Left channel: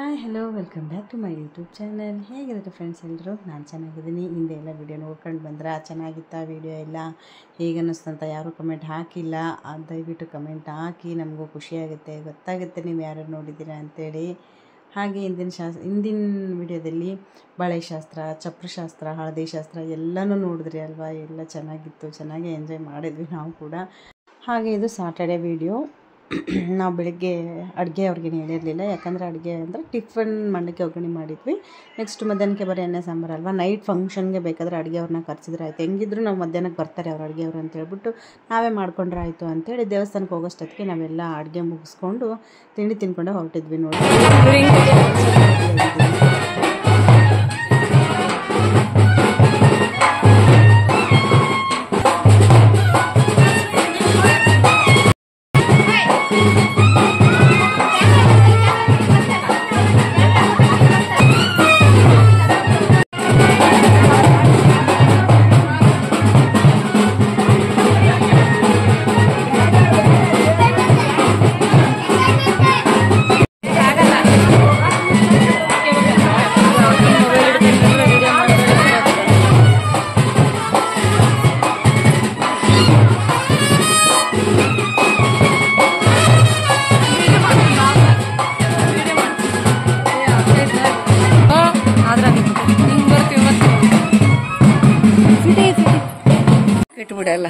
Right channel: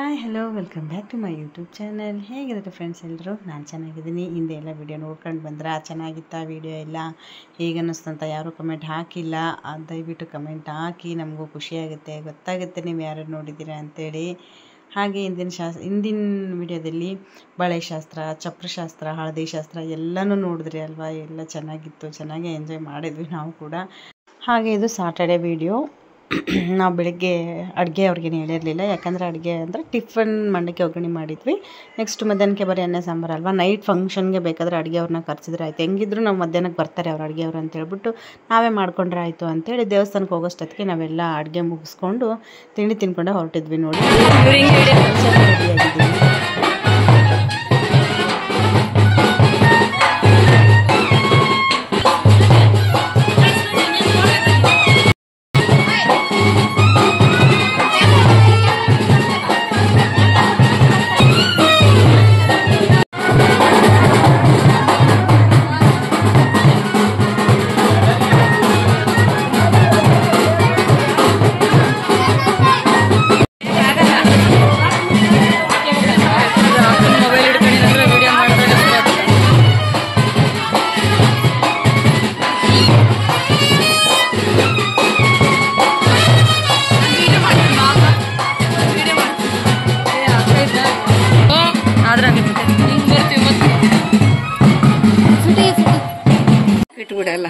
Hi hello welcome back to my YouTube channel. ಹೇಗಿರುತ್ತೆ friends ಎಲ್ಲರೂ? ನಾನು ಚೆನ್ನಾಗಿದ್ದೀನಿ. ಹಿಂದೆ ಎಲ್ಲ ವೀಡಿಯೋ ನೋಡ್ಕೊಂಡು ಬಂದ್ರೆ ಚೆನ್ನಾಗಿತ್ತ ವೀಡಿಯೋ ಎಲ್ಲ, ಹೇಗೆ ಅನ್ನಿಸ್ತಂತ ಯಾರೂ ಕಮೆಂಟ್ ಹಾಕಿಲ್ಲ. ದಯವಿಟ್ಟು ಕಮೆಂಟ್ ಹಾಕಿ, ನಮಗೂ ಖುಷಿಯಾಗುತ್ತೆ, ಗೊತ್ತಾಗುತ್ತೆ ನೀವು ಯಾರು ನೋಡಿದ್ದೀರಾ ಅಂಥೇಳಿ. ಹಾಗೆ ಹಿಂದಿನ ವಿಡಿಯೋದಲ್ಲಿ ಬಳೆಶಾಸ್ತ್ರ, ಚಪ್ರಶಾಸ್ತ್ರ, ಹಳದಿ ಶಾಸ್ತ್ರ ಎಲ್ಲನೂ ನೋಡಿದ್ರಿ ಅಲ್ವಾ? ಎಲ್ಲ ಚೆನ್ನಾಗಿತ್ತು, ಚೆನ್ನಾಗಿ ಎಂಜಾಯ್ ಮಾಡಿದ್ವಿ ನಾವು ಕೂಡ. ಹಾಗೆ ಇದು ಸಾಟರ್ಡೆ ವೀಡಿಯೋ. ನಾವು ಬೆಳಗ್ಗೆ ಅಡುಗೆ ಅವ್ರಿಗೇನು ಹೇಳಿರಲಿಲ್ಲ, ಯಾಕಂದರೆ ಅಡುಗೆ ಅಂದರೆ ಟಿಫನ್ ಮಂಡಕ್ಕಿ ಒಗ್ಗರಣೆ ಮಾಡಿದ್ವಿ. ನೆಕ್ಸ್ಟ್ ಮಧ್ಯಾಹ್ನಕ್ಕೆ ಬರೀ ಅನ್ನ ಸಾಂಬಾರು ಅಲ್ವಾ, ನೈಟ್ ಫಂಕ್ಷನ್ಗೆ ಬೇಕಾದರೆ ಅಡುಗೆ ಅವ್ರನ್ನ ಕರೆಸಿದ್ರೆ ಆಯಿತು. ಹೆಂಗಿದ್ರು ನಾವು ಮಧ್ಯಾಹ್ನಕ್ಕೆ ಬರ್ತಾರೆ ಅವ್ರು ಅಡುಗೆ ಅವರು ಅಂತೇಳ್ಬಿಟ್ಟು ನಾವೇ ಮಾಡ್ಕೊಂಡ್ರೆ ಆಯಿತು ಅಂತೇಳಿ ದೇವಸ್ಥಾನಕ್ಕೆ ಹೋಗೋಷ್ಟೊತ್ತಿಗೆ ನಾವೆಲ್ಲ ಅಡುಗೆ ಮುಗಿಸ್ಕೊಂಡು ತಿಂಡಿ ತಿನ್ಕೊಂಡೆ ಹೊರಟಿದ್ವಿ. ನೋಡಿ ಬಿಡಲ್ಲ.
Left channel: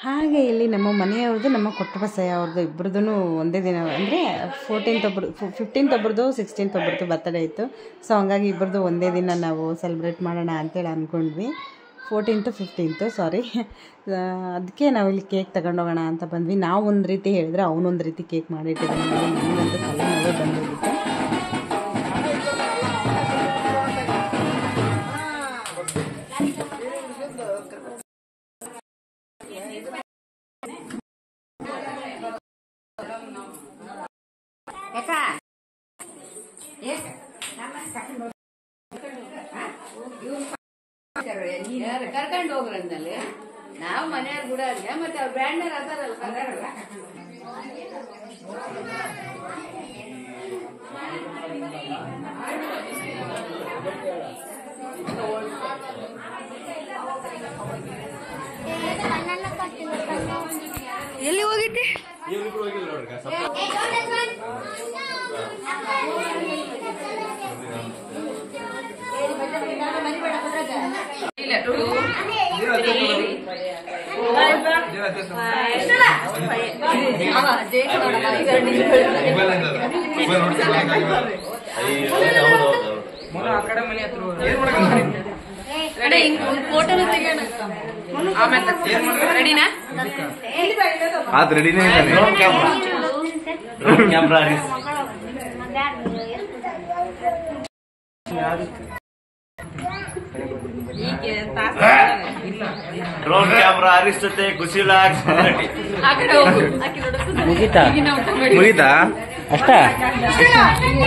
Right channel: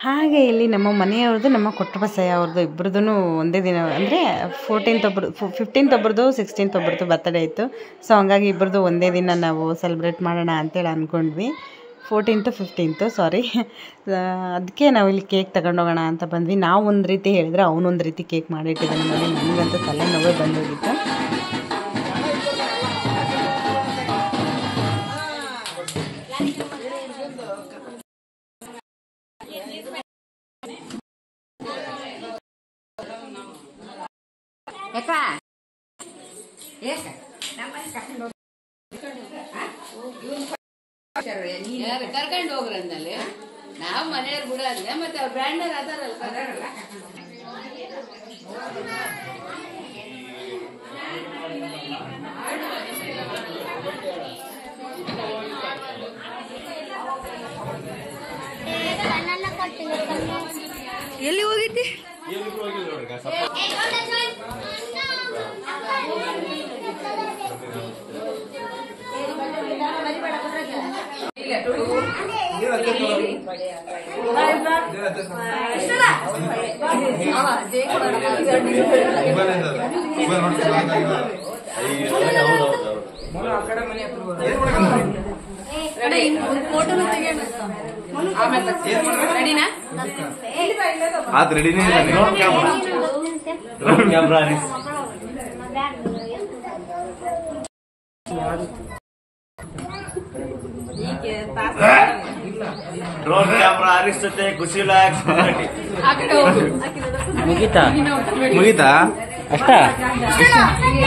ಹಾಗೆ ಇಲ್ಲಿ ನಮ್ಮ ಮನೆಯವ್ರದ್ದು, ನಮ್ಮ ಕೊಟ್ಟಬಸಯ್ಯ ಅವ್ರದ್ದು ಇಬ್ಬರದ್ದು ಒಂದೇ ದಿನ, ಅಂದರೆ 15th ಒಬ್ಬರದು, 16th ಒಬ್ಬರದು ಬರ್ತಡೇ ಇತ್ತು. ಸೊ ಹಂಗಾಗಿ ಇಬ್ಬರದು ಒಂದೇ ದಿನ ನಾವು ಸೆಲೆಬ್ರೇಟ್ ಮಾಡೋಣ ಅಂತೇಳಿ ಅಂದ್ಕೊಂಡ್ವಿ. 14th 15th ಸಾರಿ. ಅದಕ್ಕೆ ನಾವು ಇಲ್ಲಿ ಕೇಕ್ ತಗೊಂಡೋಗೋಣ ಅಂತ ಬಂದ್ವಿ. ನಾವು ಒಂದು ರೀತಿ ಹೇಳಿದ್ರೆ ಅವನೊಂದು ರೀತಿ ಕೇಕ್ ಮಾಡಿಟ್ಟಿದ್ದಾನೆ. ನನಗಂತೂ ತಲೆನೋವೇ ಬಂದೋಗಿತ್ತು. ಕರ್ಕೊಂಡು ಹೋಗ್ರಂದಲ್ಲಿ ನಾವು ಮನೆಯವ್ರು ಕೂಡ ಅಲ್ಲ, ಮತ್ತೆ ಅವ್ರ ಬ್ರ್ಯಾಂಡರ್ ಅದಾರಲ್ಲ ಎಲ್ಲಿ ಹೋಗಿದ್ದೆ? ಡ್ರೋನ್ ಕ್ಯಾಮ್ರಾ ಅರಿಸ್ತತೆ ಖುಷಿಲಾ ಮುಗಿತಾ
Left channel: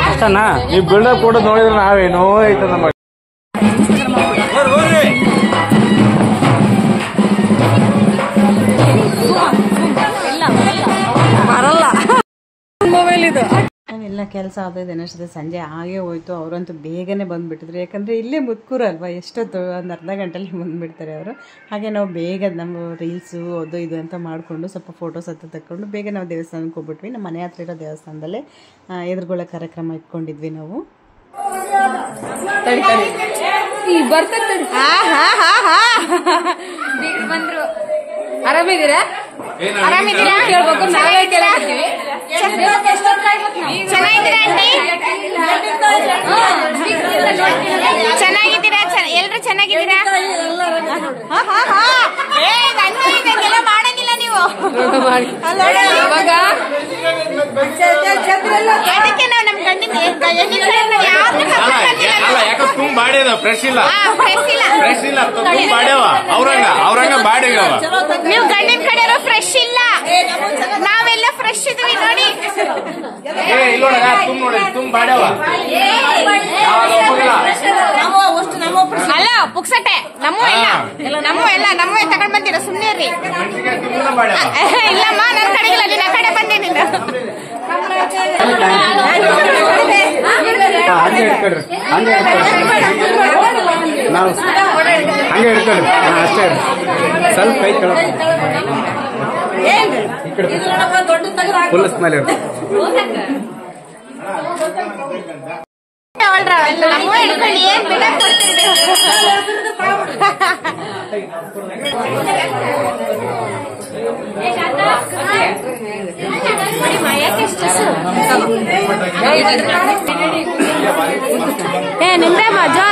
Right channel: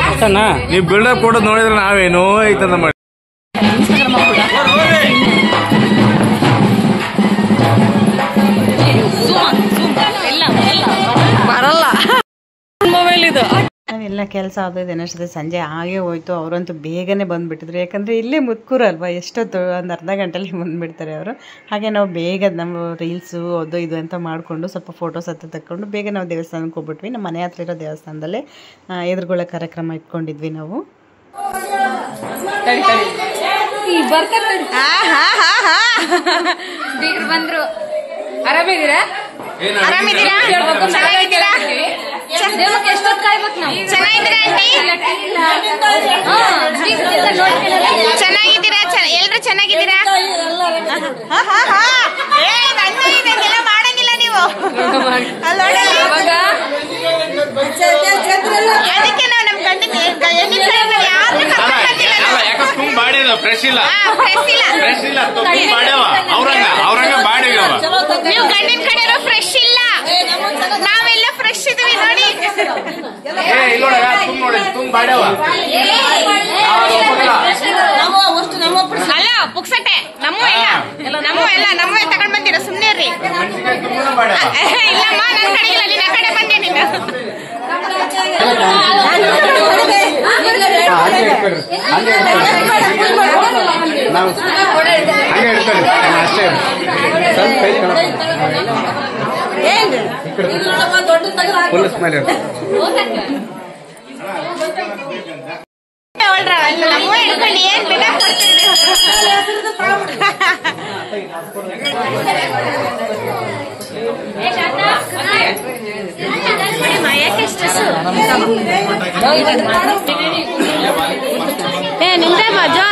ಅಷ್ಟನಾ ನೀವು ಬಿಲ್ಡಪ್ ಕೊಡೋದು ನೋಡಿದ್ರೆ ನಾವೇನೋ ಐತದ ಮಾಡಿ ಬರಲ್ಲ ಮೊಬೈಲ್ ಇದು. ನಾವೆಲ್ಲ ಕೆಲಸ ಆಗೋದು ಏನಷ್ಟೇ ಸಂಜೆ ಆಗೇ ಹೋಯ್ತು. ಅವರಂತೂ ಬೇಗನೆ ಬಂದುಬಿಟ್ಟಿದ್ರು, ಯಾಕಂದರೆ ಇಲ್ಲೇ ಮುತ್ಕೂರು ಅಲ್ವಾ, ಎಷ್ಟೊತ್ತು ಒಂದು ಅರ್ಧ ಗಂಟೆಲಿ ಬಂದುಬಿಡ್ತಾರೆ ಅವರು. ಹಾಗೆ ನಾವು ಬೇಗ ನಮ್ಮ ರೀಲ್ಸು ಅದು ಇದು ಅಂತ ಮಾಡಿಕೊಂಡು ಸ್ವಲ್ಪ ಫೋಟೋಸ್ ಹತ್ರ ತಕ್ಕೊಂಡು ಬೇಗ ನಾವು ದೇವಸ್ಥಾನಕ್ಕೆ ಹೋಗ್ಬಿಟ್ವಿ. ನಮ್ಮ ಮನೆ ಹತ್ರ ಇರೋ ದೇವಸ್ಥಾನದಲ್ಲೇ ಎದುರುಗೊಳ್ಳೋ ಕಾರ್ಯಕ್ರಮ ಇಟ್ಕೊಂಡಿದ್ವಿ ನಾವು. ಬಂದ್ರು. ಆರಾಮಿದ್ದೀರಾ? ಚೆನ್ನಾಗಿದ್ದೀರಾ? ಎಲ್ರು ಚೆನ್ನಾಗಿದ್ದೀರಾ? ಮಾಡಂಗಿಲ್ಲ ನೀವು, ಅದಕ್ಕೆ ನಾವು ನಮ್ ಗಂಡಿನ ಯಾರನ್ನೂ ಕರ್ಕೊಂಡು ಬಂದಿಲ್ಲ. ನೀವು ಗಂಡಿನ ಕಡೆ ಫ್ರೆಶ್ ಇಲ್ಲ, ನಾವೆಲ್ಲ ಫ್ರೆಶ್ ಇದೀವಿ ನೋಡಿ. ಅಲ್ಲ ಪುಕ್ಸಟ್ಟೆ ನಮ್ಮೇ ತಗೊಂಡ್ ಬಂದಿರೋ, ಸುಮ್ನೆ ರೀ. ಇಲ್ಲಮ್ಮ ನನ್ನ ಕಡೆ ಇಲ್ಲ, ನಿನ್ನ ಕಡೆ ಬಂದೆ ನೀನು. ನಮ್ಮ ಹಿಡ್ಕೊಂಡು ಏನ್ ಬಿಡ ಕೊಡ್ತೀರಿ. ನಿಂದೆ ಮಜಾ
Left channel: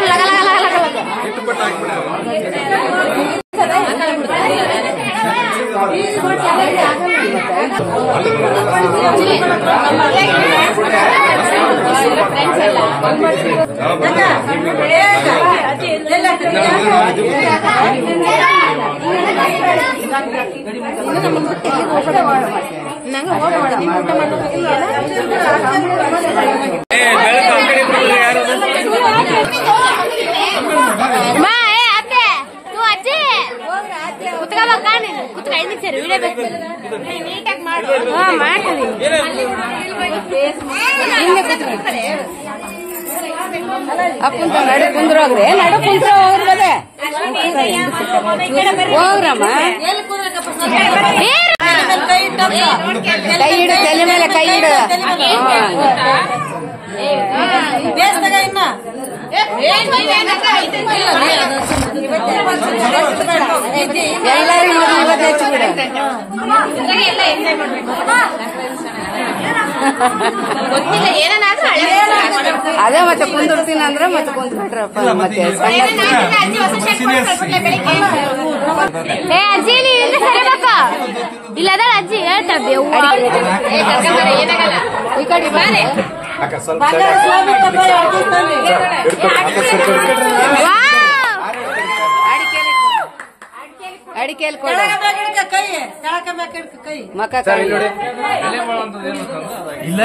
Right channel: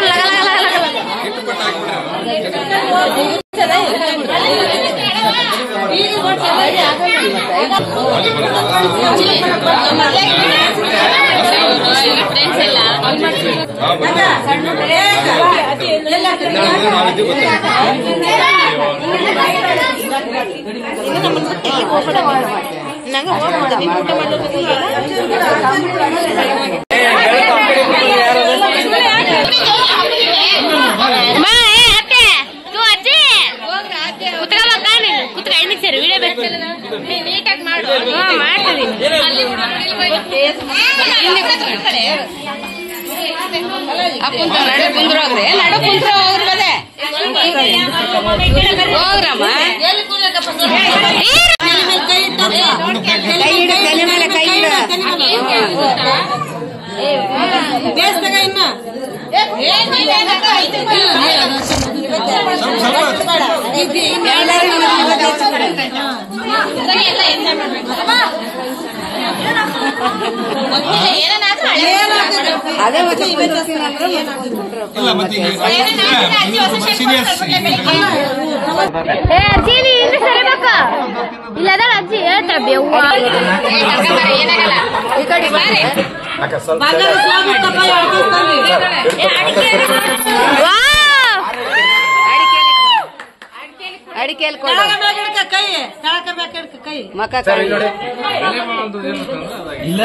ಅದೇ ಮತ್ತೆ ಕುಂದಿರ್ತೀನಿ ಅಂದ್ರೆ ಅಜ್ಜಿ ನೀನು ಸರಿಬೇಕ ಇಲ್ಲದ ಅಜ್ಜಿ ಹೇಳ್ತಾ ಬೆವ್ವ ಈ ಕಡೆ ಅಡಿಕೆಯಲ್ಲಿ ಕೊಡು ಮಕ್ಕ ಇಲ್ಲ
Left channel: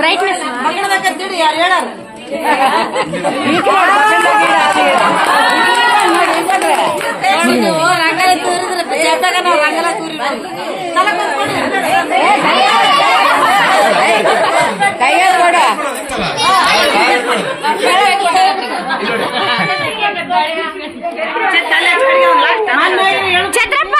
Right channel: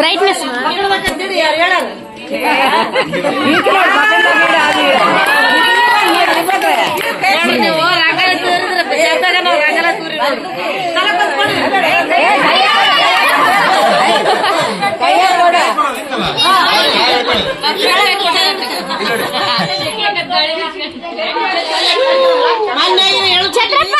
ಬ್ರೈಟ್ನೆಸ್ ಛತ್ರಪ್ಪ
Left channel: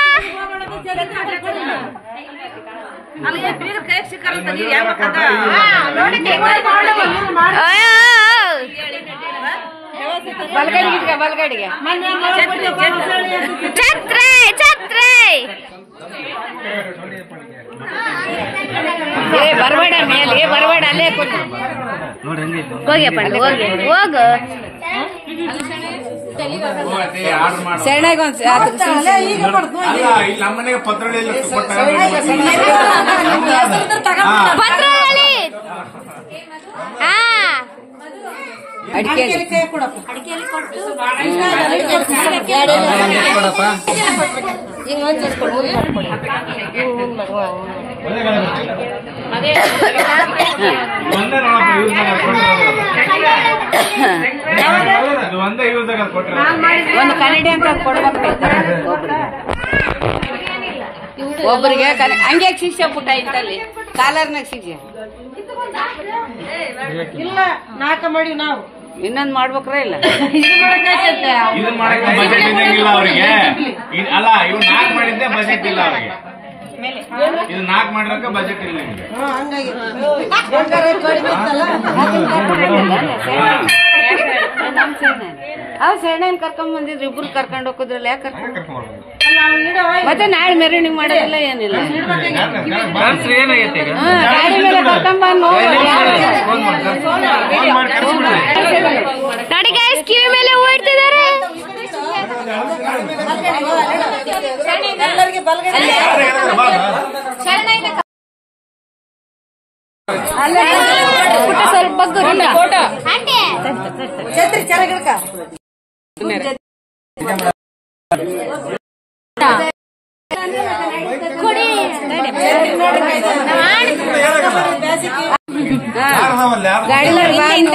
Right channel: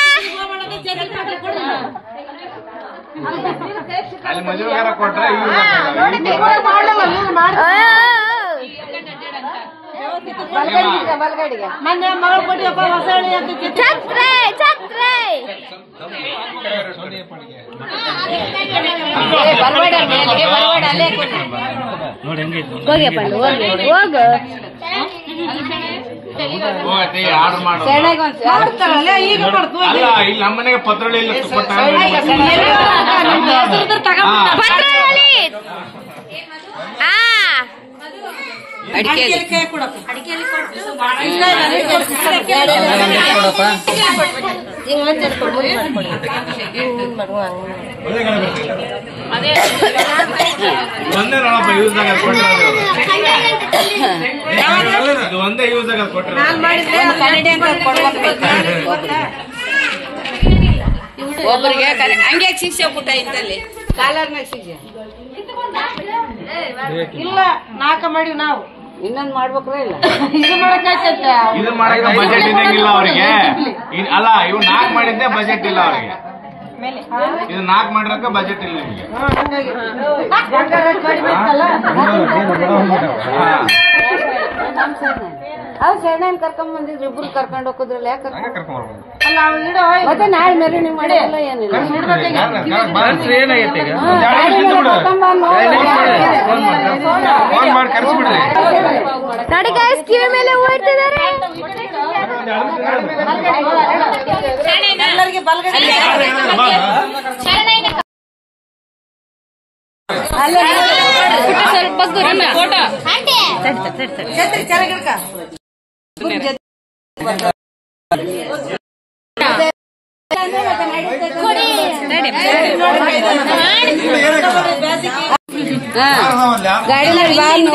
ಛತ್ರೆ ಛತ್ರೆ ಬರಬೇಡ ಬರಬೇಡ ಅಲ್ಲೇ ಹೋಗ್ಯಪ್ಪ ಹೋಗು ನಮ್ಮನೆಗೆ ಪತ್ರೊಳ್ಳಿ ಪತ್ರೊಳ್ಳಿ ಅಡಿಕೆ ಒಂದೇ ನೋಡಪ್ಪ ಯೂಸ್ ಒಂದೇ ಯೂಸ್ ಆಗ ಕೊಟ್ಟರೆ ಒಂದು ಕನ್ನಡಿ ಅಂತ ಒಬ್ಬರಿಗೆ ಹಂಗೆ ಶಿಕ್ಷೆ ಪುಟ್ಟ ಇತ್ತಲ್ಲಿ ಕಾಲರ್ನಾಗ ಶಿಕ್ಷೆ ಇಲ್ಲ ನಾಲ್ಕ ಮಾಡಿವಿ ನಾವು ಇನ್ನೊಂದು ಮಾಡ್ಬೇಕ್ರ ಇಲ್ಲ ಇದು ಮಾಡಕ್ಕೆ ಬಜೆಟ್ ಇರಂಗಿಲ್ಲ ಅವ್ರಿಗೆ ಅಲ್ಲ ಇವ್ 4 ಮಾಡಿದ್ದೆ ಬಜೆಟ್ ಇಲ್ಲ ಅವ್ರಿಗೆ ಇದು 4 ಮಾಡಿರಕ್ಕೆ ಬಜೆಟ್ ಇಲ್ಲ ನಿಮ್ಗೆ ಅವ್ ಶರಣನ್ ಕರ್ಕೊಂಡ್ ಬಂದಿದ್ರು ಇಬ್ರು ಕರ್ಕೊಂಡ್ ಹೋಗಿದ್ರಲ್ಲ ಯಾಕೆ ಕರ್ಕೊಂಡ್ ಮತ್ತೆ ನಾಳೆ ಮೆರವಣಿಗೆ ಮಾಡಿರಲ್ಲ ಏನಿಲ್ಲ ನೋಡಿ ಗೈಸ್ ಕಿವಿ ಮೇಲೆ ಹೂ ಇಡ್ತಿದ್ದಾರೆ ಸ್ವಲ್ಪ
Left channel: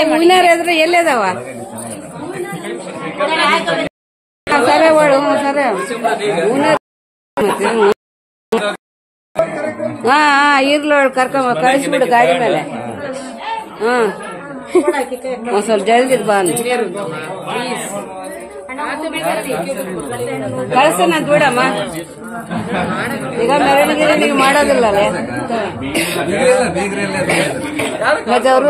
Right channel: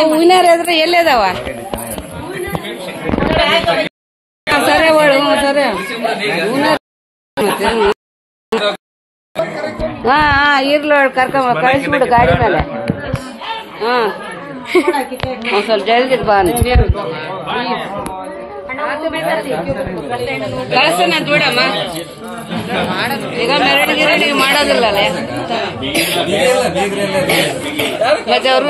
ಹೂವಿನಾರ ಎದ್ರೆ ಎಲ್ಲದಾವ ಸರಿ ಸರಿ ಹಾ ಈಗ್ಲೂ ಕರ್ಕೊಂಬ ಕಳಿಸ್ಬಿಡು ಗಾಡಿ ಮೇಲೆ ಸ್ವಲ್ಪ ಜಲ್ದಿ ಬಾ ಕಳಿಸ್ತಾನ ನೋಡಮ್ಮ ಈಗ ಮೆರವಣಿಗೆ ಮಾಡೋದಿಲ್ಲ ಮತ್ತೆ ಅವರು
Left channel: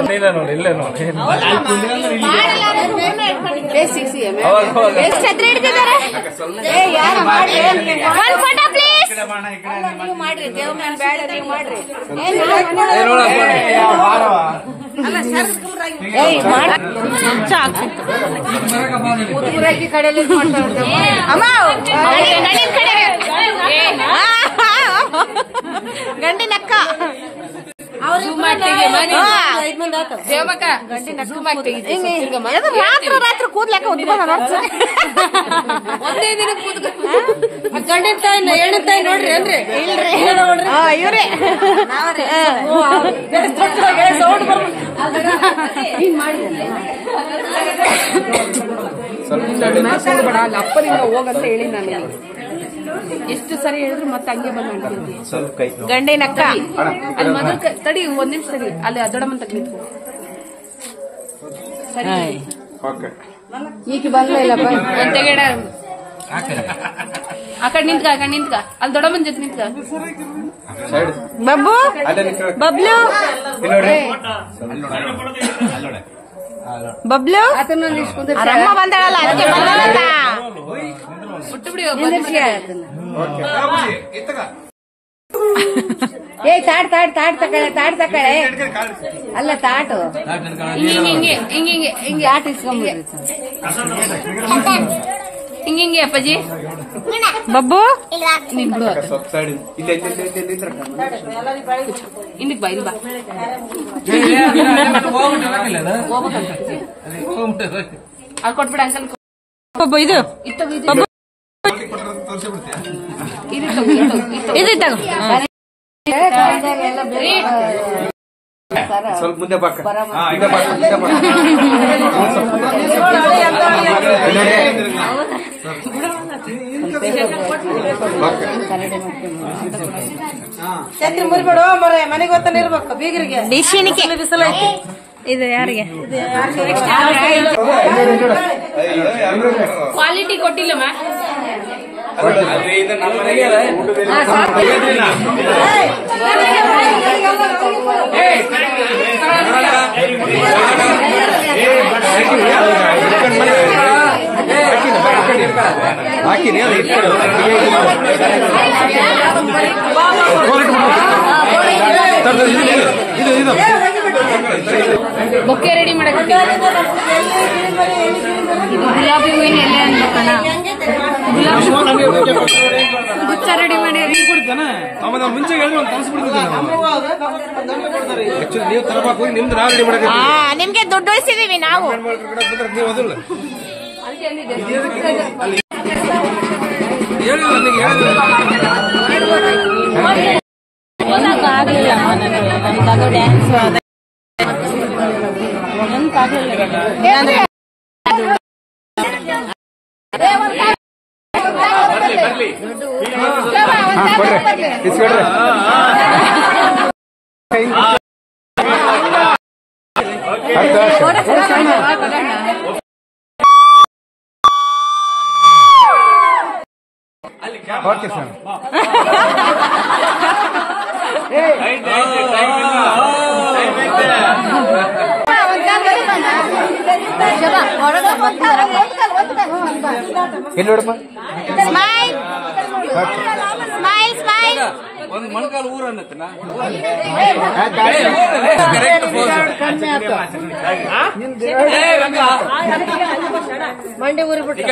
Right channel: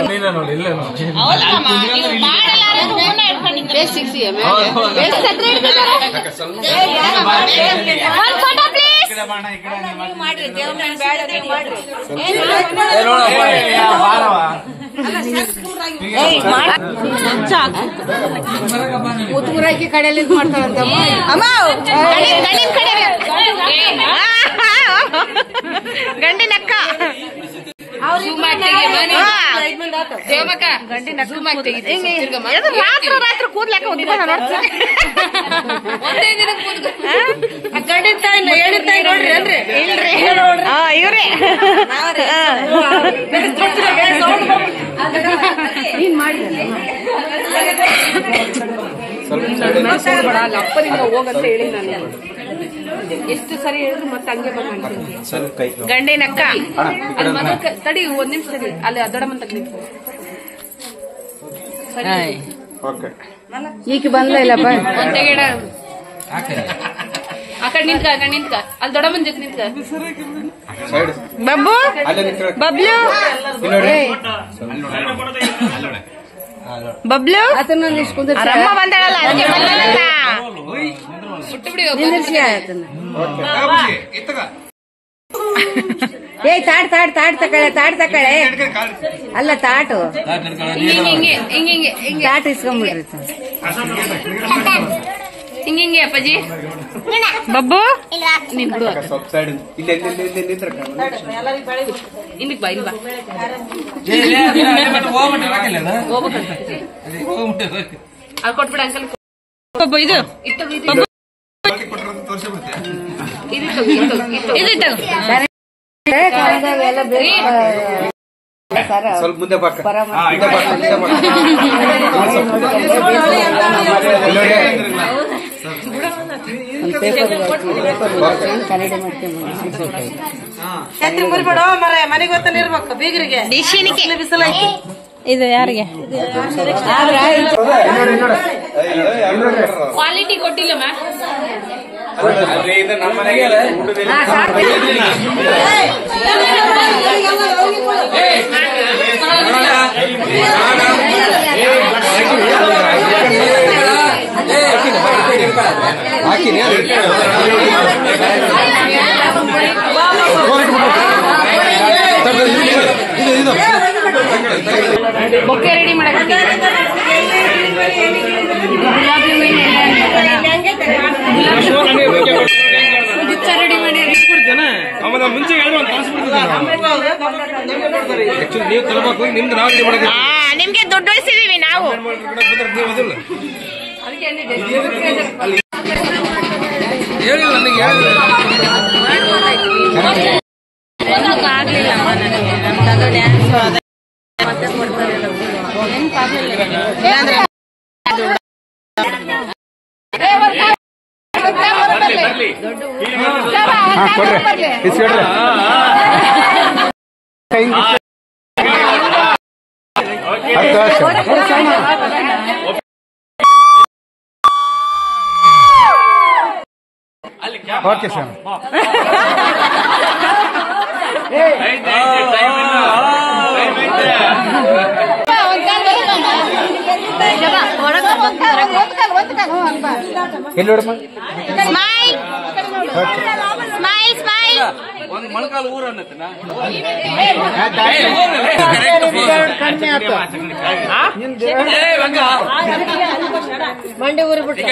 ಉತ್ತೂರಾಕಿ ಕಡೆಯಲ್ಲಿ ಅಮ್ಮ ಗಂಡಿನಕ್ಕ ರಾತ್ರಿ ರಾತ್ರಿ ಕೂದ್ಲಕ್ಕ ಉದ್ದ ಇವ್ರೆ ಅಪ್ಪನಿಂದ ಹೋಗಂತ ಹೇಳಿ ನಾನು ಎಷ್ಟು ಸರಿ ಹೇಳಿದ್ರು ಮತ್ತೆ ಹಂಗೆ ಬಂದ ಗಂಡಿನಕ್ಕ ಅಲ್ಲಿ ಮೊದಲ ತಡಿ ಒಂದ್ ನಿಮಿಷ ತಡಿ ಅಲ್ಲಿ ದೊಡ್ಡಮ್ಮಂತ ಕ್ಲಿಪ್ ಈಗ ಬಂದ ಇಲ್ಲಪ್ಪ ಆ ಕಡೆ ನಿಂತ್ಕ ಅಲ್ಲಿ ದೊಡ್ಡಮ್ಮನ ಜೊತೆ ನಿಂತ್ಕ ಬಬ್ಬು ಬಬ್ಲು ಬಬ್ಲು ಆತನೊಂದು ಇಷ್ಟು ಕುಂದ್ರ ರಮ್ಮ ಬಂದಾಳಲ್ಲ ಅದಕ್ಕೆ ಬಂದಾಳಲ್ಲ ನಿಂದಿರ್ಸಿ ಆತನ ಏ ತಾಟ್ ತಕಳೆ ಅಲ್ಲ ತಾಟು ತಾಟ್ ಇಸ್ಕೊಂಡ್ಬಿಡ್ರಿ ಹಿಂಗೆ ಅಪ್ಪಾಜಿ ಬಬ್ಬು ಇನ್ನಿಕ್ ಬಾ ಇಲ್ಲಿ ಬಾ ಕೊಟ್ಬಿಡ ಅಂಕಲ್ ಬಬ್ಬು ಇದು ಬಬ್ಬು ಇದು ತಗೋ ಸ್ವಲ್ಪ ಮುಂದೆ ಬಾಕ ಛತ್ರಿ ಮುರಿಬೇಡ ಮರ ಮನೆಗೆ ಗೊತ್ತಾನೆ ಇರ್ಬೇಕು ಬೀಗರಿಗೆ ಡಿಶಿನಿಗೆ ಬಿಸಿಲು ಐತಿ ಇದು ಯಾರಿಗೆ ಕ್ವಾಲಿಟಿ ಕೊಟ್ಟಿಲ್ಲಮ್ಮ ಅಲ್ಲಿ ಇದು ನಮ್ಮ ಮನೆಗೆ ಊಟದಲ್ಲಿ ಹಾಕಿನಿ ಇದು ಬೊಕ್ಕೆ ರೆಡಿ ಮಾಡಕ್ಕೆ ಮುಂಚೆ ನೀವು ತರಬೇಕು ನಿಮ್ದು ನಾವು ರೆಡಿ ಮಾಡಕ್ಕೆ ನಿಮ್ಗೆ ದುಡ್ಡು ಉಳಿಸಿದೀವಿ ನಾವು. ಆಗ್ಲಿಲ್ಲ ನನಗೆ ನಮ್ದು ಡ್ಯಾನ್ಸ್ ನೆನಪಾಗಲಿಲ್ಲ. Okay sir smile smile smile. ಒಂದು ಮೊಳಕಾಲು ಊರ ಅನ್ನತ್ತನ ಮಂಡಿ ಊರಿ ಬಿಟ್ಟು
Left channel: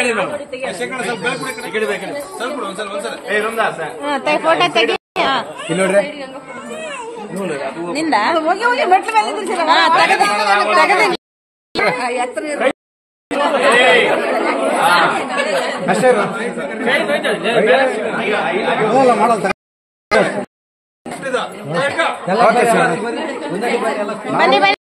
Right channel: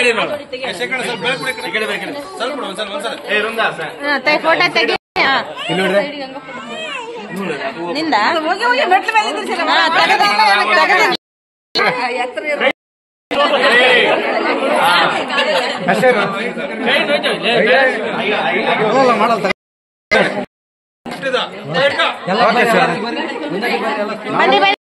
ಫೋಟೋ ತೆಗಿ. ನಿಂದ ಹೋಗಿ ಹೋಗಿ ಮೆಟ್ಲ ಮೇಲೆ ನಿಂದ್ರಿಸಿಲ್ಲ. ಬನ್ನಿ ಬನ್ನಿ.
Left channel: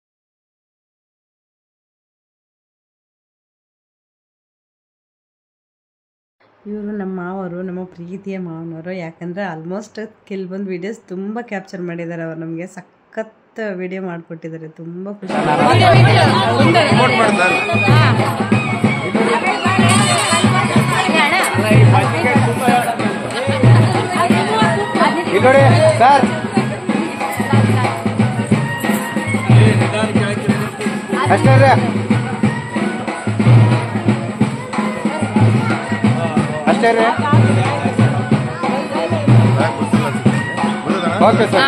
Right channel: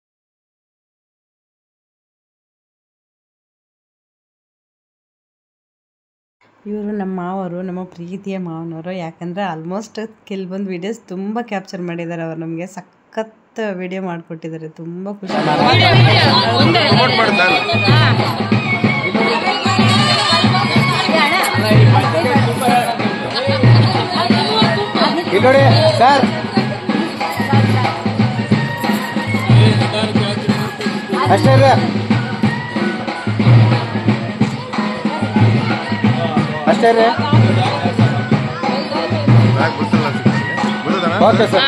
ಇವರು ನಮ್ಮ ಮಾವರು, ನಮ್ಮ ಪ್ರೀತಿಯ ಮಾವನವರು. ಯಾಕಂದರೆ ಆಲ್ಮೋಸ್ಟ್ ಕೆಲವೊಂದು ವೀಡಿಯೋಸ್ ತುಂಬ ಕ್ಯಾಪ್ಚರ್ ಮಾಡಿದ್ದಾರೆ. ಅವರು ನಮಗೆ ಸಖತ್ ವಿಡಿಯೋ ಮಾಡಿಕೊಟ್ಟಿದ್ದಾರೆ. ತುಂಬ ಖುಷಿ. ನೋಡಿ ಸರ್ ಅಷ್ಟೇ ಇದೆ ಅಷ್ಟೇ ರೀ. Okay sir.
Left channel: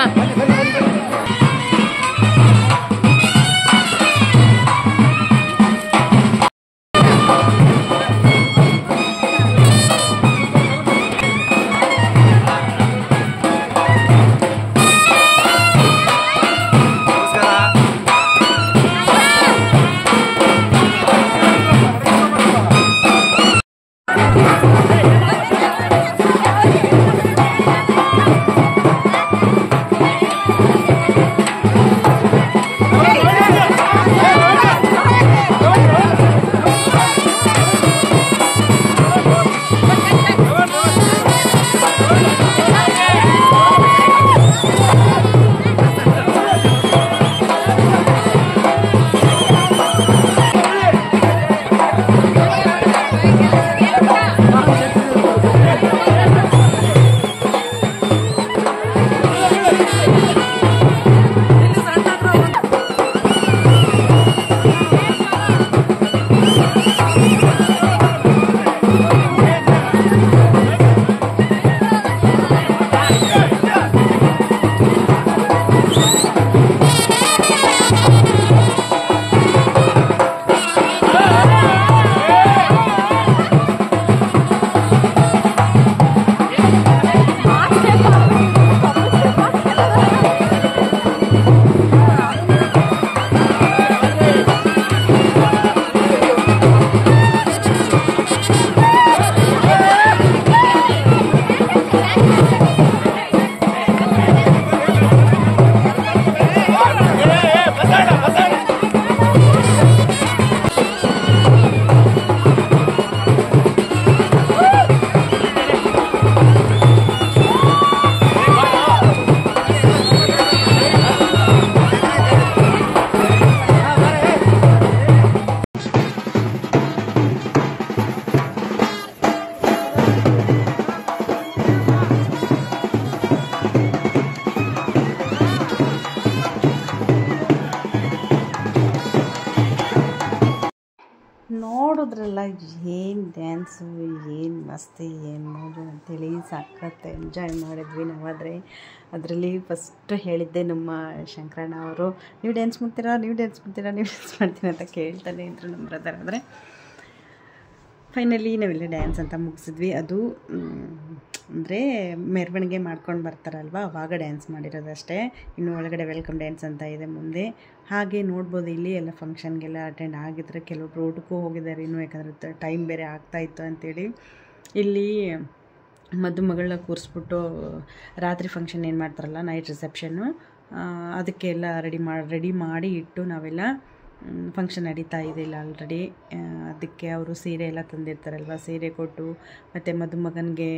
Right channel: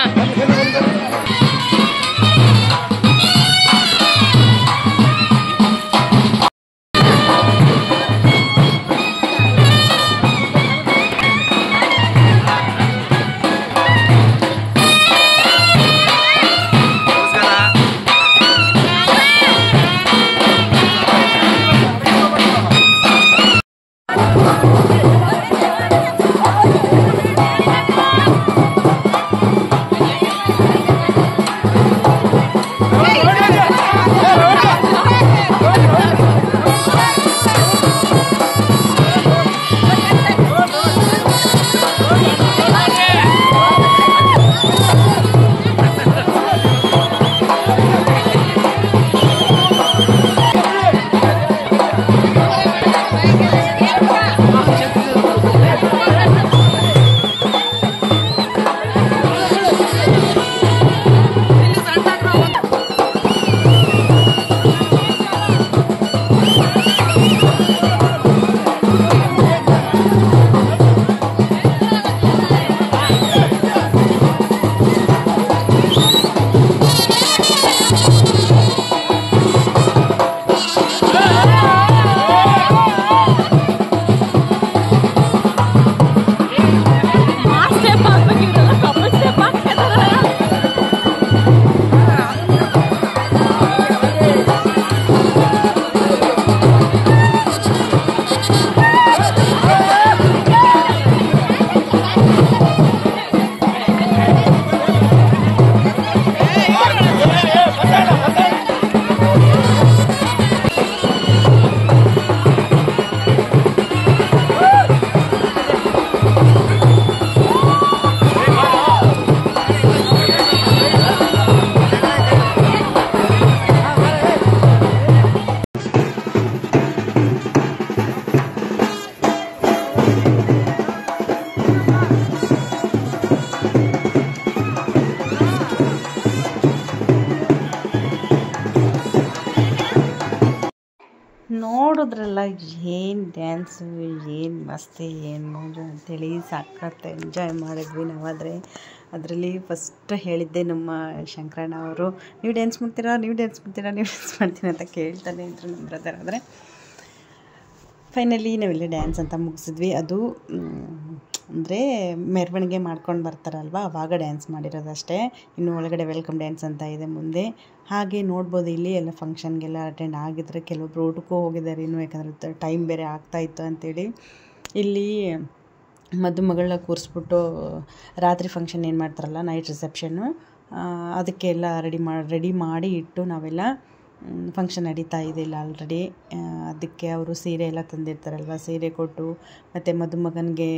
ಏನು ಡ್ಯಾನ್ಸು, ಏನು ಮಸ್ತಿ, ಏನು ಮೋಜು ಅಂತೇಳಿ ಸಖತ್ ಎಂಜಾಯ್ ಮಾಡಿದ್ವಿ ನಾವಾದರೆ. ಅದರಲ್ಲಿ ಫಸ್ಟ್ ಹೇಳಿದ್ದೆ ನಮ್ಮ ಶಂಕರಣ್ಣ ಅವರು, ನೀವು ಡ್ಯಾನ್ಸ್ ಮಾಡ್ತೀರಾ ಅಂತ ಕೇಳ್ತಾನೆ ಇದ್ರು ನಮ್ಮ ಬ್ರದರ್. ಆದರೆ ಫೈನಲಿ ನಾವೆಲ್ಲ ಡ್ಯಾನ್ಸ್ ಅಂತ ಮುಗಿಸಿದ್ವಿ. ಅದು ಅಂದರೆ ಮೆರವಣಿಗೆ ಮಾಡ್ಕೊಂಡು ಬರ್ತಾರಲ್ವ, ಆವಾಗ ಡ್ಯಾನ್ಸ್ ಮಾಡಿರೋದಷ್ಟೇ. ಇನ್ನು ಒಳಗಡೆ ವೆಲ್ಕಮ್ ಡ್ಯಾನ್ಸ್ ಅಂತ ಇದೆ ಮುಂದೆ. ಹಾಗೆ ನೋಡ್ಬೋದು ಇಲ್ಲಿ ಎಲ್ಲ ಫಂಕ್ಷನ್ಗೆಲ್ಲ ಅಟೆಂಡ್ ಆಗಿದ್ರೆ, ಕೆಲವೊಬ್ರು ಊಟಕ್ಕೂ ಹೋಗಿದ್ದಾರೆ ಇನ್ನೂ, ಯಾಕಂದರೆ ಟೈಮ್ ಬೇರೆ ಆಗ್ತಾಯಿತ್ತು ಅಂಥೇಳಿ. ಇಲ್ಲಿ ಮದುಮಗಳನ್ನ ಕೂರಿಸ್ಬಿಟ್ಟು ರಾತ್ರಿ ಫಂಕ್ಷನ್ ಏನು ಮಾಡ್ತಾರಲ್ಲ, ನೈಟ್ ರಿಸೆಪ್ಷನ್ನು, ಅದಕ್ಕೆಲ್ಲ ರೆಡಿ ಮಾಡಿ ಇಟ್ಟು ನಾವೆಲ್ಲ ಫಂಕ್ಷನ್ ನಡೀತಾ ಇದೆ ಇಲ್ಲ ಆಲ್ರೆಡಿ. ಅದಕ್ಕೆ ಅವರು ಸೀರೆ ಎಲ್ಲ ತಂದಿರ್ತಾರಲ್ವ, ಸೀರೆ ಕೊಟ್ಟು ಮತ್ತು ಮದುಮಗನಿಗೆ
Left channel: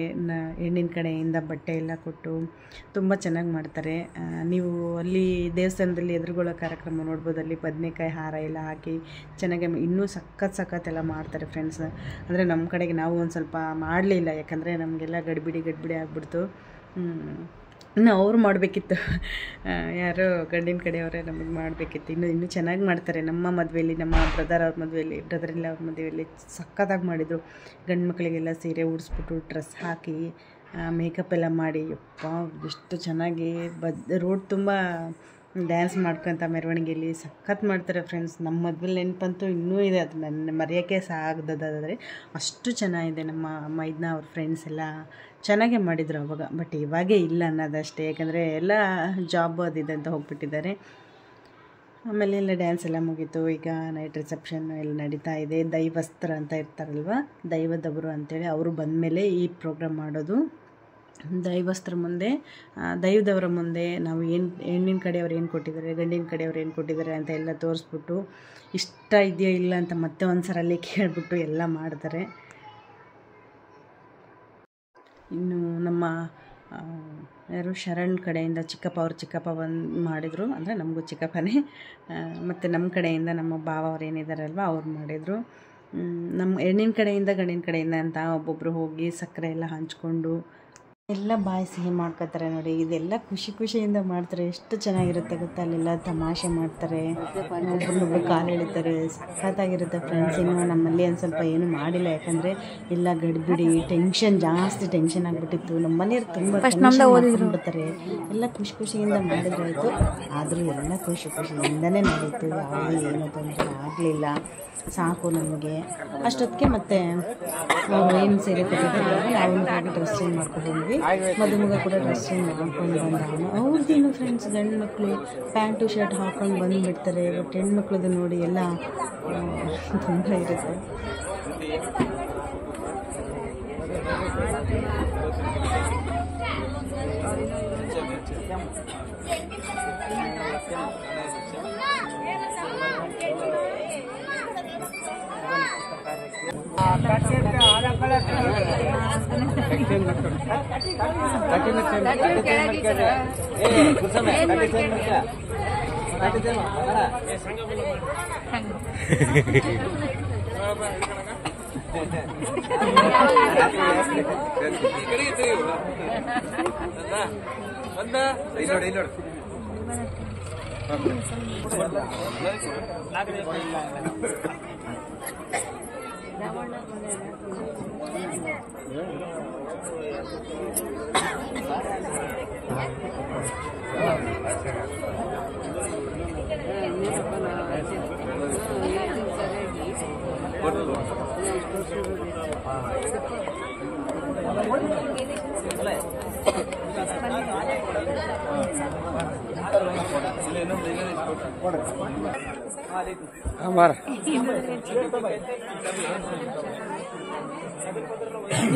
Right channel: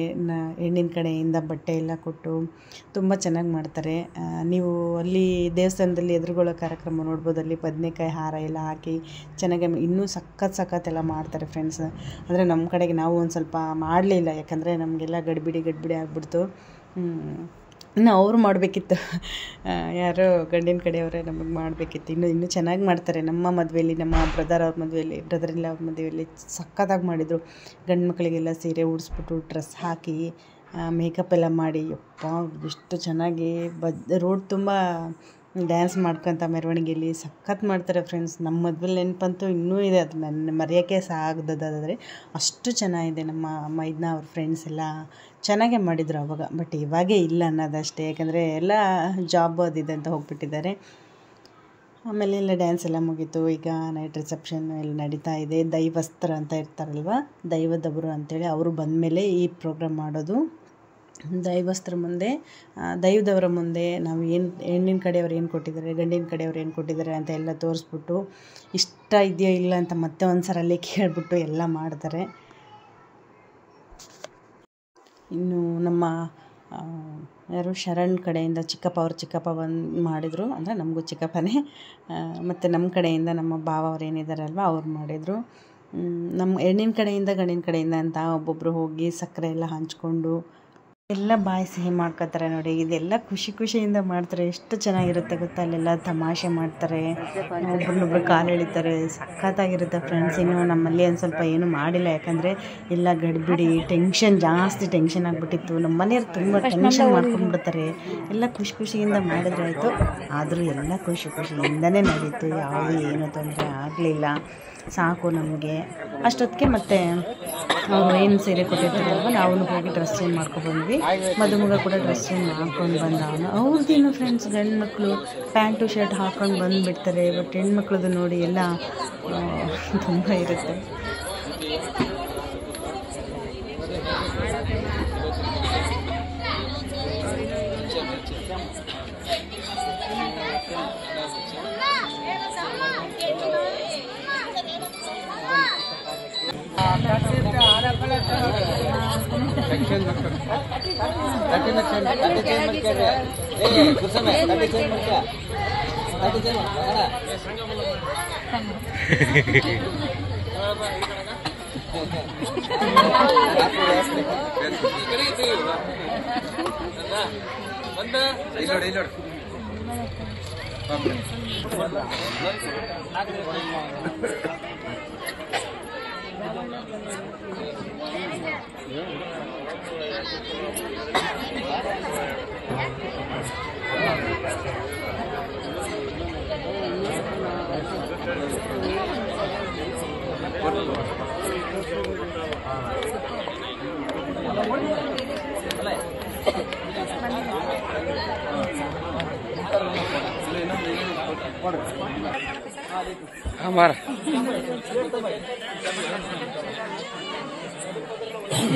ಹೆಣ್ಣಿನ ಕಡೆಯಿಂದ ಬಟ್ಟೆ ಎಲ್ಲ ಕೊಟ್ಟು ತುಂಬ ಚೆನ್ನಾಗಿ ಮಾಡ್ತಾರೆ. ನೀವು ಅಲ್ಲಿ ದೇವಸ್ಥಾನದಲ್ಲಿ ಎದುರುಗೊಳ್ಳೋ ಕಾರ್ಯಕ್ರಮ ನೋಡ್ಬೋದು. ಅಲ್ಲಿ ಬದನೆಕಾಯಿ ಹಾರ ಎಲ್ಲ ಹಾಕಿ ಚೆನ್ನಾಗಿ ಇನ್ನೂ ಸಖತ್ ಎಲ್ಲ ಮಾಡ್ತಾರೆ ಫ್ರೆಂಡ್ಸ್. ಅಂದರೆ ನಮ್ಮ ಕಡೆಗೆ ನಾವು ಒಂದು ಸ್ವಲ್ಪ ಮಾಡಲಿಲ್ಲ, ಯಾಕಂದರೆ ನಮಗೆಲ್ಲ ಗಡ್ಬಿಡಿ ಆಗಿಬಿಡ್ತು. ಇನ್ನು ಅವ್ರು ಮಾಡಬೇಕಿತ್ತು, ಯಾರೋ ಗಂಡಿನ ಕಡೆಯವರೇ ನಮಗೆ ಮಾಡಬೇಕಿತ್ತು. ಇನ್ನೂ ಚೆನ್ನಾಗಿ ಮಾಡ್ತಾರೆ. ನಮ್ಮ ಮದುವೆಯಲ್ಲಿ, ನಮ್ಮ ಬ್ರದರ್ ಅವ್ರ ಮದುವೆಯಲ್ಲಿ ಸಖತ್ತಾಗಿ ಮಾಡಿದರು. ಗಂಡು ಮಕ್ಕಳಿಗೆಲ್ಲ ಸೀರೆ ಉಡಿಸ್ಬಿಟ್ಟು ಡ್ರೆಸ್ ಹಾಕಿ ಮೇಕಪ್ ಎಲ್ಲ ಮಾಡಿ, ಯಪ್ಪ ಎಷ್ಟು ಚೆನ್ನಾಗಿ ರೋಡ್ ತುಂಬ ಡ್ಯಾನ್ಸ್ ಮಾಡ್ಕೊತ ಮೆರವಣಿಗೆಯಲ್ಲಿ ಸಖತ್ ಮಾಡ್ತಾರೆ ಫ್ರೆಂಡ್ಸ್. ನಮ್ಮ ಮದುವೆಲಿ ನೆನಪಂತೂ ಇನ್ನೂ ಇದೆ, ಅದು ನನ್ನ ಮರೆಯೋಕ್ಕೆ ಸಾಗದಾದರೆ ಅಷ್ಟು ಚೆನ್ನಾಗಿದೆ. ನಮ್ಮ ಮೈದ್ನ ಅವ್ರ ಫ್ರೆಂಡ್ಸ್ ಎಲ್ಲ ಚೆನ್ನಾಗೇ ಮಾಡಿದರು ಅವಾಗ. ಬಟ್ ಇವಾಗೇ ಇಲ್ಲ ಅನ್ನೋದಷ್ಟೇ, ಯಾಕಂದರೆ ಎಲ್ಲ ಜಾಬ್ ಅದಿದೆ ಅಂತ ಹೋಗ್ಬಿಟ್ಟಿದ್ದಾರೆ. ಆಮೇಲೆ ಎಲ್ಲ ಡ್ಯಾನ್ಸ್ ಎಲ್ಲ ಮುಗೀತು. ಈಗ ನೈಟ್ ರಿಸೆಪ್ಷನ್ ಎಲ್ಲ ನಡೀತಾ ಇದೆ. ದೈವಸ್ತ್ರ ಅಂತ ಇರ್ತಾರಲ್ವ, ದೈವದವರು ಅಂತೇಳಿ ಅವರು ಬಂದಮೇಲೆ ಈ ಪ್ರೋಗ್ರಾಮ್ ಮಾಡೋದು. ದೈವದವರ ಮುಂದೆ ನಾವು ಹೆಣ್ಣಿನ ಕಡೆಯವ್ರು ಏನು ಕೊಟ್ಟಿದ್ದಾರೆ, ಗಂಡಿನ ಕಡೆಯವ್ರು ಏನು ಕೊಟ್ಟಿದ್ದಾರೆ ಅಂತ ಎಲ್ಲ ತೋರಿಸ್ಬಿಟ್ಟು, ಇಷ್ಟ ಇದೆಯೋ ಇಲ್ಲ ಅಂತ ಮತ್ತೆ ಒಂದು ಸಲ ಅಲ್ಲಿ ಕೇಳಿಬಿಟ್ಟು ಎಲ್ಲ ಮಾಡ್ತಾರೆ. ಇನ್ನು ನಮ್ಮ ಯಾರು ಶರಣ್ ಕಡೆಯಿಂದ ಚಿಕ್ಕಪ್ಪ ಬಂದು ಮಾಡಿದರು, ಅಂದರೆ ನಮಗೂ ಚಿಕ್ಕಪ್ಪನೇ. ಮತ್ತು ನಮ್ಮ ಕಡೆಯಿಂದ ನಮ್ಮ ಭಾವ ಅವ್ರು ಏನಿದ್ದಾರಲ್ವ ಅವ್ರು ಮಾಡಿದರು. ನಮ್ಮ ಹೆಣ್ಣಿನ ಕಡೆಯಿಂದ ಗಂಡಿನ ಕಡೆಯಿಂದ ಅಂತ ಒಬ್ಬೊಬ್ಬರು ಹೋಗಿ ಸಕ್ಕರೆ ಎಲ್ಲ ಹಂಚ್ಕೊಂಡು ಎಲ್ಲ ಬಾಯಿ ಸಿಹಿ ಮಾಡ್ಕೋತಾರೆ ನೋಡಿ. ಇದೆಲ್ಲ ಖುಷಿಯಿಂದ ಮಾಡ್ತಾರೆ. ಎಷ್ಟು ಚೆನ್ನಾಗಿರುತ್ತೆ ಗೊತ್ತಾ, ಅಲ್ಲೆಲ್ಲ ತಮಾಷೆ ಮಾಡ್ತಾರೆ, ಒಬ್ರನ್ನೊಬ್ರು ಕಾಲು ಎಳಿತಾರೆ, ಸಖತ್ತಾಗಿರುತ್ತೆ ಫ್ರೆಂಡ್ಸ್. ಇನ್ನು ನಮ್ಮಲ್ಲಿ ಒಂದು ಸ್ವಲ್ಪ ಏನೂ ಮಾಡಿಲ್ಲ, ಯಾಕಂದರೆ ಎಲ್ಲ ಗಡ್ಬಿಡಿ ಜಾಸ್ತಿ ಟೆನ್ಷನ್ ಆಗಿಬಿಟ್ಟಿತ್ತು. ನಮ್ಮ ಮನೆಯವ್ರು ತುಂಬ ಟೆನ್ಷನ್ ಮಾಡ್ಕೊಂಡ್ಬಿಡ್ತಾರೆ. ಎಲ್ಲ ಖುಷಿಯಿಂದ ಮಾಡಿದ್ರಾಯ್ತು. ಆದರೂ ಎಲ್ಲ ಖುಷಿಯಿಂದನೇ ನಡೀತು, ಯಾವುದೂ ಏನೂ ತೊಂದರೆ ಆಗಲಿಲ್ಲ. ಸಾಕು ನಮಗೆ ಅಷ್ಟೊತ್ತಿಗೆ. ಮತ್ತು ಅವರು ಏನು ಸೀರೆ ಕೊಟ್ಟಿರ್ತಾರಲ್ವ, ನಾವು ಹೋಗಿ ಡ್ರೆಸ್ ಚೇಂಜ್ ಮಾಡ್ಕೊಬಂದ್ವಿ. ಮದುಮಗ ಕೂಡ ಡ್ರೆಸ್ ಚೇಂಜ್ ಮಾಡ್ಕೊಂಡು ಬಂದ. ಅವ್ರದ್ದೇನು ಫ್ರೆಂಡ್ಸ್, ಗಂಡು ಮಕ್ಕಳು ಪ್ಯಾಂಟು ಶರ್ಟ್ ಹಾಕ್ಕೊಂಡು ಬಂದುಬಿಡ್ತಾರೆ. ಬಟ್ ಹೆಣ್ಮಕ್ಳದ್ದು ನೋಡಿ ಎಲ್ಲ ತುಂಬ ಇರುತ್ತೆ.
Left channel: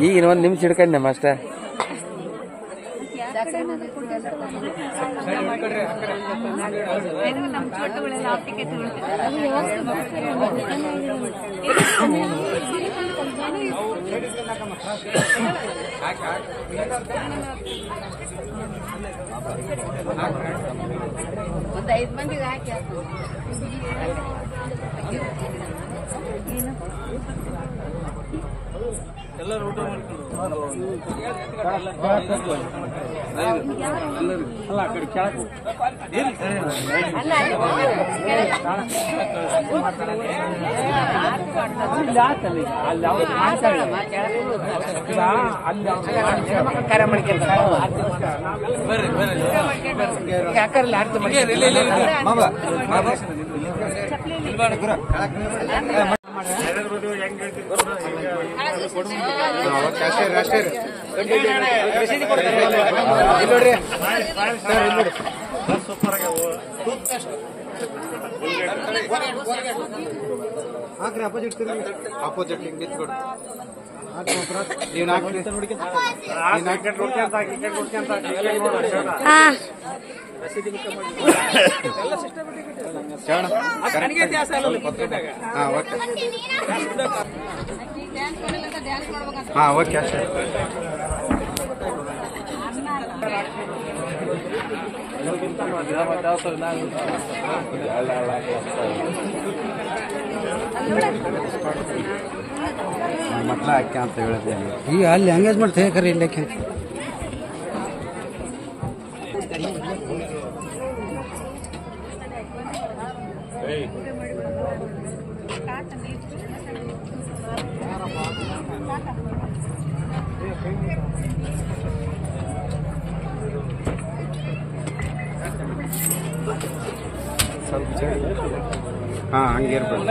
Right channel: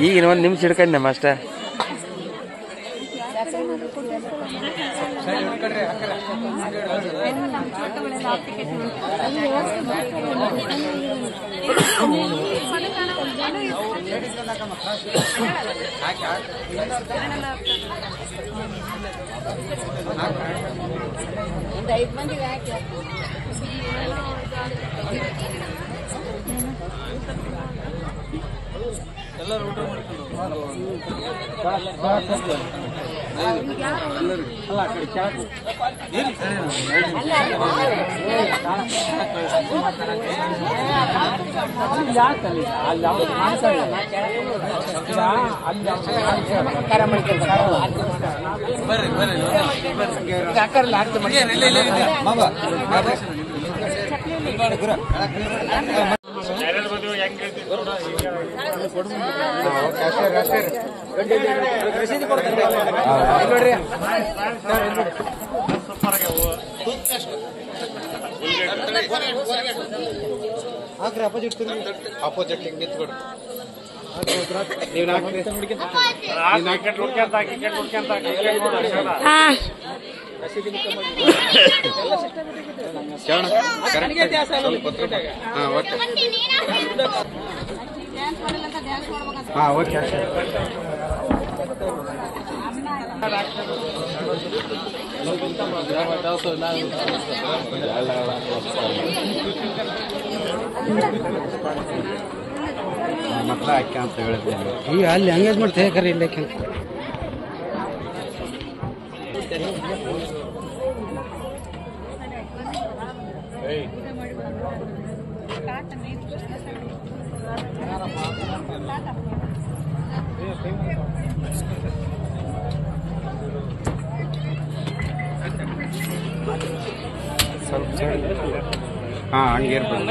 ಈಗ ಇನ್ನೊಂದು ನಿಮಿಷ ಹಿಡ್ಕೊಂಡೆ ಅಷ್ಟೇ. ಅಪೋಸಿಟ್ ಹಿಂಗೆ ನಿಂತ್ಕೊಡ್ರಿ ಓಕೆ ಅಷ್ಟೇ ಮಕ್ಕಳ ಹಾಕಿ ಅಂತ ಹೇಳಿದ್ದೆ ಈಗ ಅಲ್ಲಿ ಎಂಗೇಜ್ ಮಾಡ್ತೇವೆ ಕರೆ ಇಲ್ಲಕ್ಕೆ ಹಾಂ ಹಂಗೆ ಇರ್ಬೋದು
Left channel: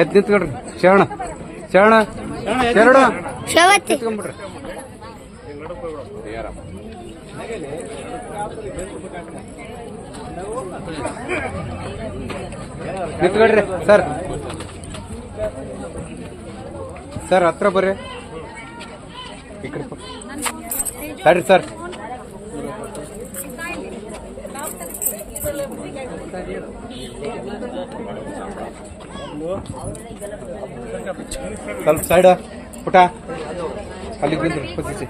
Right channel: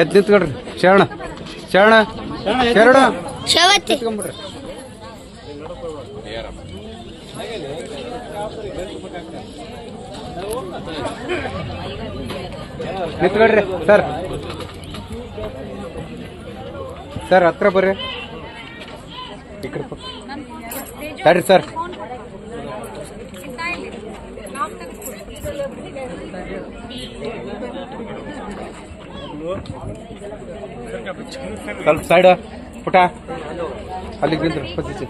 ಎದ್ದು ನಿಂತ್ಕೊಡ್ರಿ ಶರಣ ಶರಣ ಶರಣ ಶ್ರವತಿ ನಿಂತ್ಕೊಡ್ರಿ ಸರ್ ಸರ್ ಹತ್ರ ಬರ್ರಿ ಸರಿ ಸರ್ ಸ್ವಲ್ಪ ಸೈಡ್ ಪುಟ ಅಲ್ಲಿಗೆ ನಿಂತ್ರಿ ಪೊಸಿಸಿ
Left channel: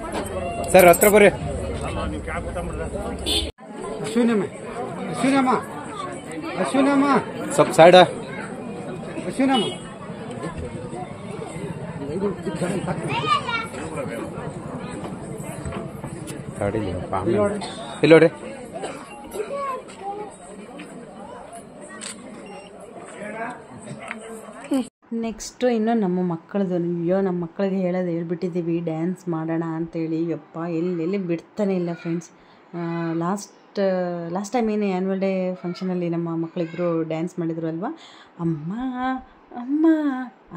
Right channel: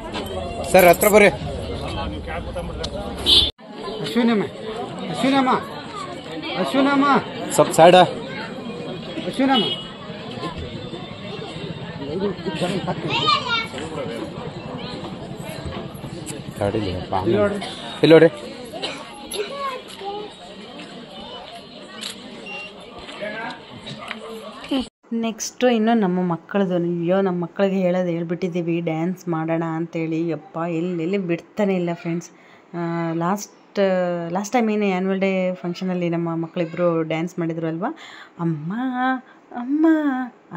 ಸರ್ ಹತ್ರ ಬರ್ರಿ ಅಶ್ವಿನಮ್ಮ ಅಶ್ವಿನಮ್ಮ ಅಶ್ವಿನಮ್ಮ ಸ್ವಲ್ಪ ಸೈಡ್ ಅಶ್ವಿನಮ್ಮ ಇಲ್ಲಿ ನೋಡ್ರಿ ನೆಕ್ಸ್ಟು ಇನ್ನು ನಮ್ಮ ಮಕ್ಕಳದು ಅಯ್ಯೋ ನಮ್ಮ ಮಕ್ಕಳಿಗೆ ಹೇಳ್ಬಿಟ್ಟಿದ್ದೀವಿ ಡ್ಯಾನ್ಸ್ ಮಾಡೋಣ ಅಂತೇಳಿ ಯಪ್ಪ ಎಲ್ಲೆಲ್ಲಿ ಬಿಡ್ತಾನೆ ಇಲ್ಲ ಫ್ರೆಂಡ್ಸ್. ಲಾಸ್ಟ್ ಟೈಮ್ ಏನು ಆ್ಯನ್ಯುವಲ್ ಡೇ ಫಂಕ್ಷನಲ್ಲಿ ನಮ್ಮ ಮಕ್ಕಳಿಬ್ಬರು ಡ್ಯಾನ್ಸ್ ಮಾಡಿದ್ರು ಅಲ್ವಾ, ಅಮ್ಮ ಅಮ್ಮ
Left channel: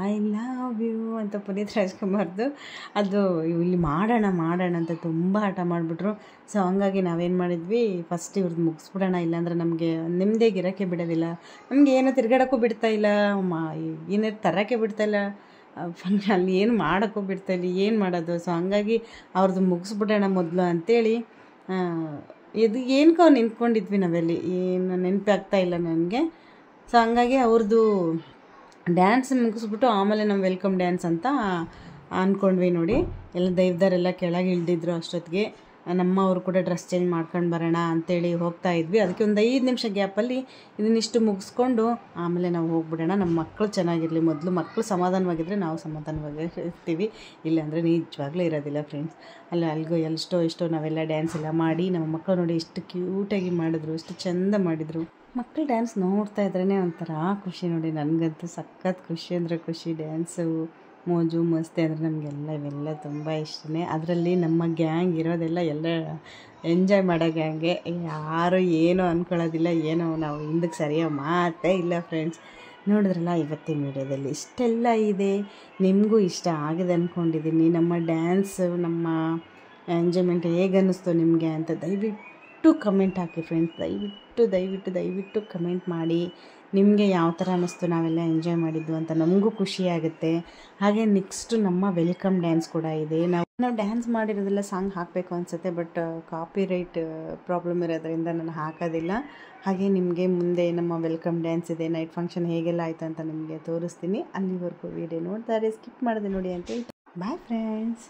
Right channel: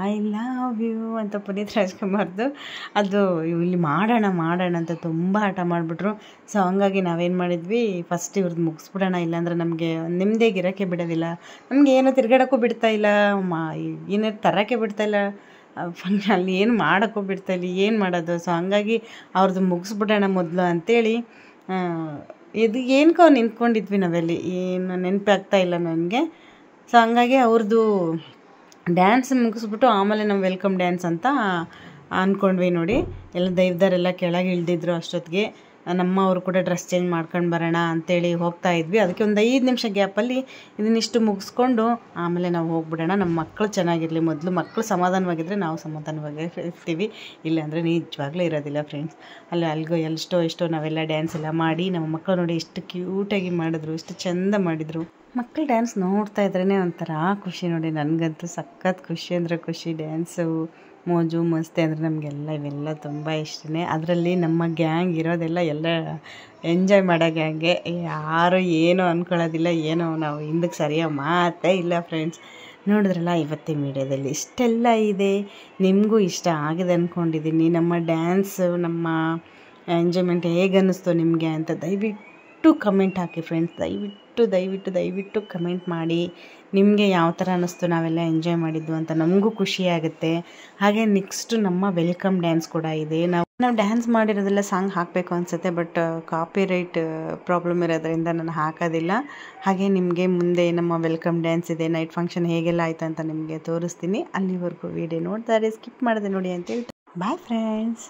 ಐ ಲವ್ ಯು ಅಂತ ಪುನೀತ್ ರಾಜ್ಕುಮಾರ್ದು ಅದು ಇಲ್ಲಿ ಮಾಡೋಣ ಅಂತ ತುಂಬ ಹಠ ಮಾಡಿಬಿಟ್ರು. ಸೊ ಹಂಗಾಗಿ ನಾವೇನು ಮಾಡಿದ್ವಿ, ಫಸ್ಟ್ ಇವ್ರದ್ದು ಮುಗಿಸ್ಬಿಡೋಣ, ಇಲ್ಲಾಂದ್ರೆ ನಮಗೆ ನೆಮ್ಮದಿಯಾಗಿ ಇರೋಕ್ಕೆ ಬಿಡೋದಿಲ್ಲ, ನಮಗೆ ಏನೋ ತಿರ್ಗಾಡೋಕ್ಕೂ ಬಿಡ್ತಾಯಿಲ್ಲ, ಏನೋ ತರೋಕ್ಕೆ ಬಿಡ್ತಾಯಿಲ್ಲ, ಅಲ್ಲಿ ಏನು ಮಾಡೋಕ್ಕೂ ಬಿಡ್ತಾಯಿಲ್ಲ, ಏನು ಮಾಡೋದು. ಸೊ ಹಂಗಾಗಿ ಅವ್ರದ್ದು ಮುಗಿಸ್ಬಿಡೋಣ ಮೊದಲು ಅಂಥೇಳಿ ಇದು ಏನಕ್ಕೋ ನಿಂತ್ಕೊಂಡಿದ್ವಿ ನಾವೆಲ್ಲಿ, ಏನು ನೆನಪಾಗ್ತಾ ಇಲ್ಲ ನನಗೆ. ಸೊ ಹಂಗಾಗಿ ಅವ್ರದ್ದು ಡ್ಯಾನ್ಸ್ ಮುಗಿಸ್ಬಿಟ್ಟು ಆಮೇಲೆ ನಾವು ವೆಲ್ಕಮ್ ಡ್ಯಾನ್ಸ್ ಅಂತ ಅಂದ್ಕೊಂಡ್ವಿ ನೋಡಿ. ಎಲ್ಲ ದೈವದವರೆಲ್ಲ ಕೆಳಗೆ ಇಳಿದಿದ್ರು ಅಷ್ಟೊತ್ತಿಗೆ. ನಮ್ಮವರು ಕೂಡ ಡ್ರೆಸ್ ಚೇಂಜ್ ಮಾಡ್ಕೊಂಡು ಬರೋಣ ಅಂಥೇಳಿ ಹೋಗ್ತಾ ಇದ್ವಿ. ಅದಕ್ಕೆ ಒಂದು 5 ನಿಮಿಷ ಗ್ಯಾಪಲ್ಲಿ ಇದನ್ನಿಷ್ಟು ಮುಗಿಸ್ಕೊಂಡು ಆಮೇಲೆ ನಾವು ಹೋಗ್ಬಿಡೋಣ. ನಮ್ಮ ಮಕ್ಕಳು ಚೆನ್ನಾಗಿರಲಿ, ಮೊದಲು ಮಕ್ಕಳು ಸಮಾಧಾನವಾಗಿದ್ದರೆ ನಾವು ಸಮಾಧಾನವಾಗಿ ಇರ್ತೀವಿ, ಇಲ್ಲಾಂದರೆ ನಿಜವಾಗ್ಲೂ ಇರೋದಿಲ್ಲ ಫ್ರೆಂಡ್ಸ್. ಅಲ್ಲಿಗೋ ಎಷ್ಟೋ ನಾವೆಲ್ಲ ಡ್ಯಾನ್ಸ್ ಎಲ್ಲ ಮಾಡಿ, ನಮ್ಮ ಮಕ್ಕಳು ನೋಡಿ ಎಷ್ಟು ಕ್ಯೂಟಾಗಿ ಮಾಡಿದ್ರು, ಎಷ್ಟು ಚೆಂದ ಮಾಡಿದರು. ಮಕ್ಕಳು ಡ್ಯಾನ್ಸ್ ನೋಡ್ತಾ ಇದ್ರೇ ಒಂಥರ ಖುಷಿ ನೋಡಿ. ನನಗಂತೂ ಸಖತ್ ಖುಷಿ ಅಂದರೆ ಖುಷಿ. ಡ್ಯಾನ್ಸು ಮೋಜು ಮಸ್ತಿ ಅಂದರೆ ನಮಗೆಲ್ಲ ಇವೆಲ್ಲ ತುಂಬ ಇಷ್ಟನೇ. ಅದರಲ್ಲಿ ನಮ್ಮ ಗ್ಯಾಂಗ್ ಇರೋದೆಲ್ಲ ಎಲ್ಲ ಎಂಜಾಯ್ ಮಾಡೋ ಗ್ಯಾಂಗೆ, ಯಾರು ಏನೋ ಅಂದ್ಕೊಳ್ಳೋದಿಲ್ಲ, ಏನೋ ನಾವು ಹಿಂದಕ್ಕೆ ಸರಿಯಾಗಿ ಮಾತೇ ಇಲ್ಲ ಫ್ರೆಂಡ್ಸ್. ನೋಡಿದ್ರಲ್ಲ ಇವತ್ತಿನ ವೀಡಿಯೋದಲ್ಲಿ ಇಷ್ಟೆಲ್ಲ ಇದೆ. ನಿಮಗೂ ಇಷ್ಟ ಆಗಿದೆ ಅಂದ್ಕೊಂಡಿದ್ದೀನಿ. ನಮ್ಮ ಡ್ಯಾನ್ಸು, ನಮ್ಮ ಎಂಜಾಯ್ಮೆಂಟ್ ಹೇಗೆ ಅನ್ನಿಸ್ತು ನಿಮಗೆ ಅಂತ ದಯವಿಟ್ಟು ಕಮೆಂಟ್ ಹಾಕಿ ಫ್ರೆಂಡ್ಸ್. ದಯವಿಟ್ಟು ಕಮೆಂಟ್ ಮಾಡಿ ನಿಮಗೆ ಯಾವ ಥರ ಅನ್ನಿಸ್ತು, ನಾವೆಲ್ಲ ಎಂಜಾಯ್ ಮಾಡಿದ್ದು ಅಂತ ನಮಗೂ ಖುಷಿಯಾಗುತ್ತೆ. ಹಾಗೆ ನೆಕ್ಸ್ಟು ನಮ್ಮ ವೆಲ್ಕಮ್ ಡ್ಯಾನ್ಸ್ ಕೂಡ ಇದೆ. ನಾವು ಡ್ಯಾನ್ಸ್ ಮಾಡಿರೋದೆಲ್ಲ ಸಾಂಗ್ ಹಾಕಬೇಕು ಅನಿಸುತ್ತೆ, ಬಟ್ ಕಾಪಿರೈಟ್ ಪ್ರಾಬ್ಲಮ್ ಇರೋದ್ರಿಂದ ನಾನು ಹಾಕೋದಿಲ್ಲ. ಹಾಗೆ ನಿಮಗೆ ಮುಂದೆ ನಮ್ಮ ವೆಲ್ಕಮ್ ಡ್ಯಾನ್ಸ್ ಇದೆ, ನೈಟ್ ಫಂಕ್ಷನ್ ಹೇಗೆಲ್ಲ ಆಯಿತು ಅಂತ ನಿಮಗೆ ತೋರಿಸ್ತೀನಿ. ಅಲ್ಲಿವರೆಗೂ ವಿಡಿಯೋ ನೋಡ್ತಾರೆ ಸ್ಕಿಪ್ ಮಾಡದೆ ನೋಡಿ ಅಂತ ಹೇಳ್ತೀನಿ. Bye friends.